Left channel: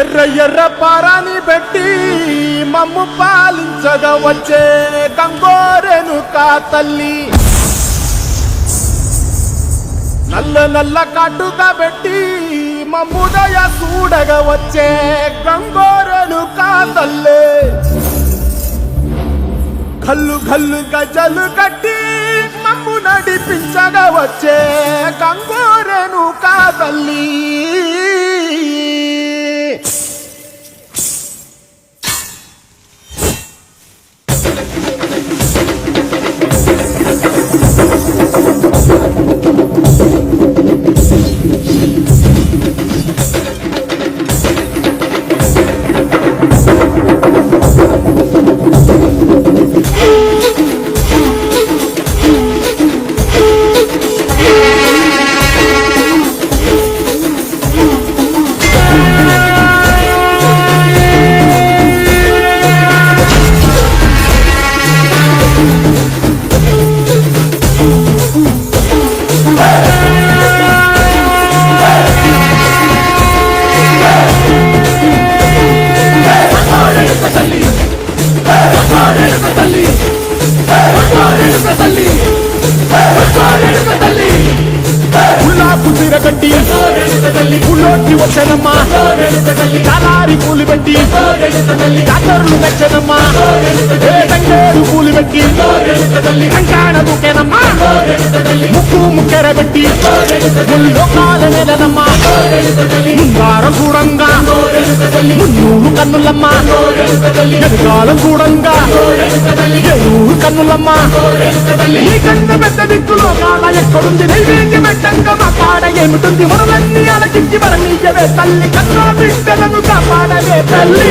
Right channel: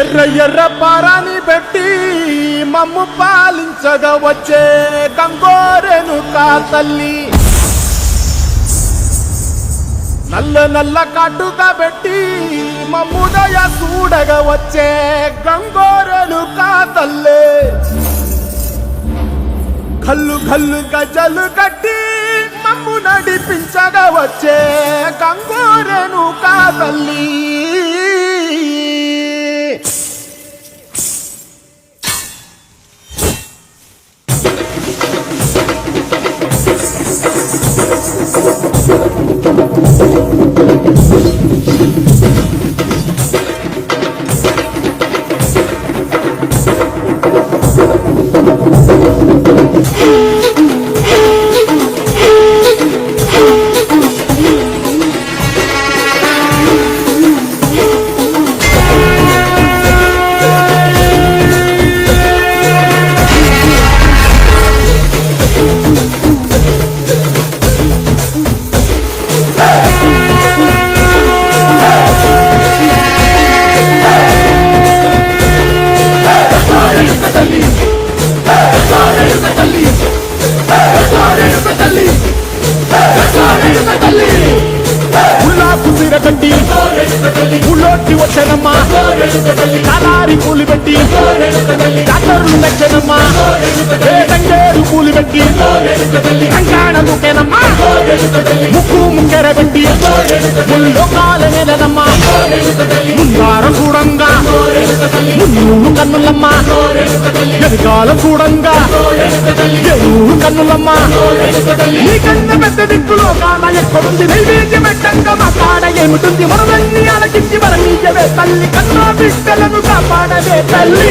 ఎర్ర ఎర్ర పారాని పెట్టి మమ్ము పాలించగా వచ్చే గంగోరేణుకా తల్లి, నల్ల నల్ల కాటుగా పెట్టి మమ్ముదయ చూడగా వచ్చే గంగోరేణుకా తల్లి, గల్లు గల్లు గజలు కట్టి మమ్ము నడిపించగా వచ్చే గంగోరేణుకా తల్లి. గడ్డి పుల్లోకి వచ్చనమ్మా, కాలారి పూలు పెట్టి జాతరలు నచ్చనమ్మా, తంగేడు పూలు పెట్టి రంగాణ దూకేనమ్మా, ముక్కు ముక్కెర పెట్టి ముల్లోకాల నెలనమ్మా, ముందారం చూడంగా మున్నూరు కన్నులమ్మా, ఎదుగాలం చూడంగా ఏనూరు కన్నులమ్మా, నీ కన్న పెద్ద దిక్కులో కాల ఎక్కడుంది నైవేద్యం పెట్టంగా మా కాడ ఏమిటుంది, మనలన్నీ అలకించి మరణీయవే తల్లి, కన్నా బిడ్డలను కాపాడవే తల్లి.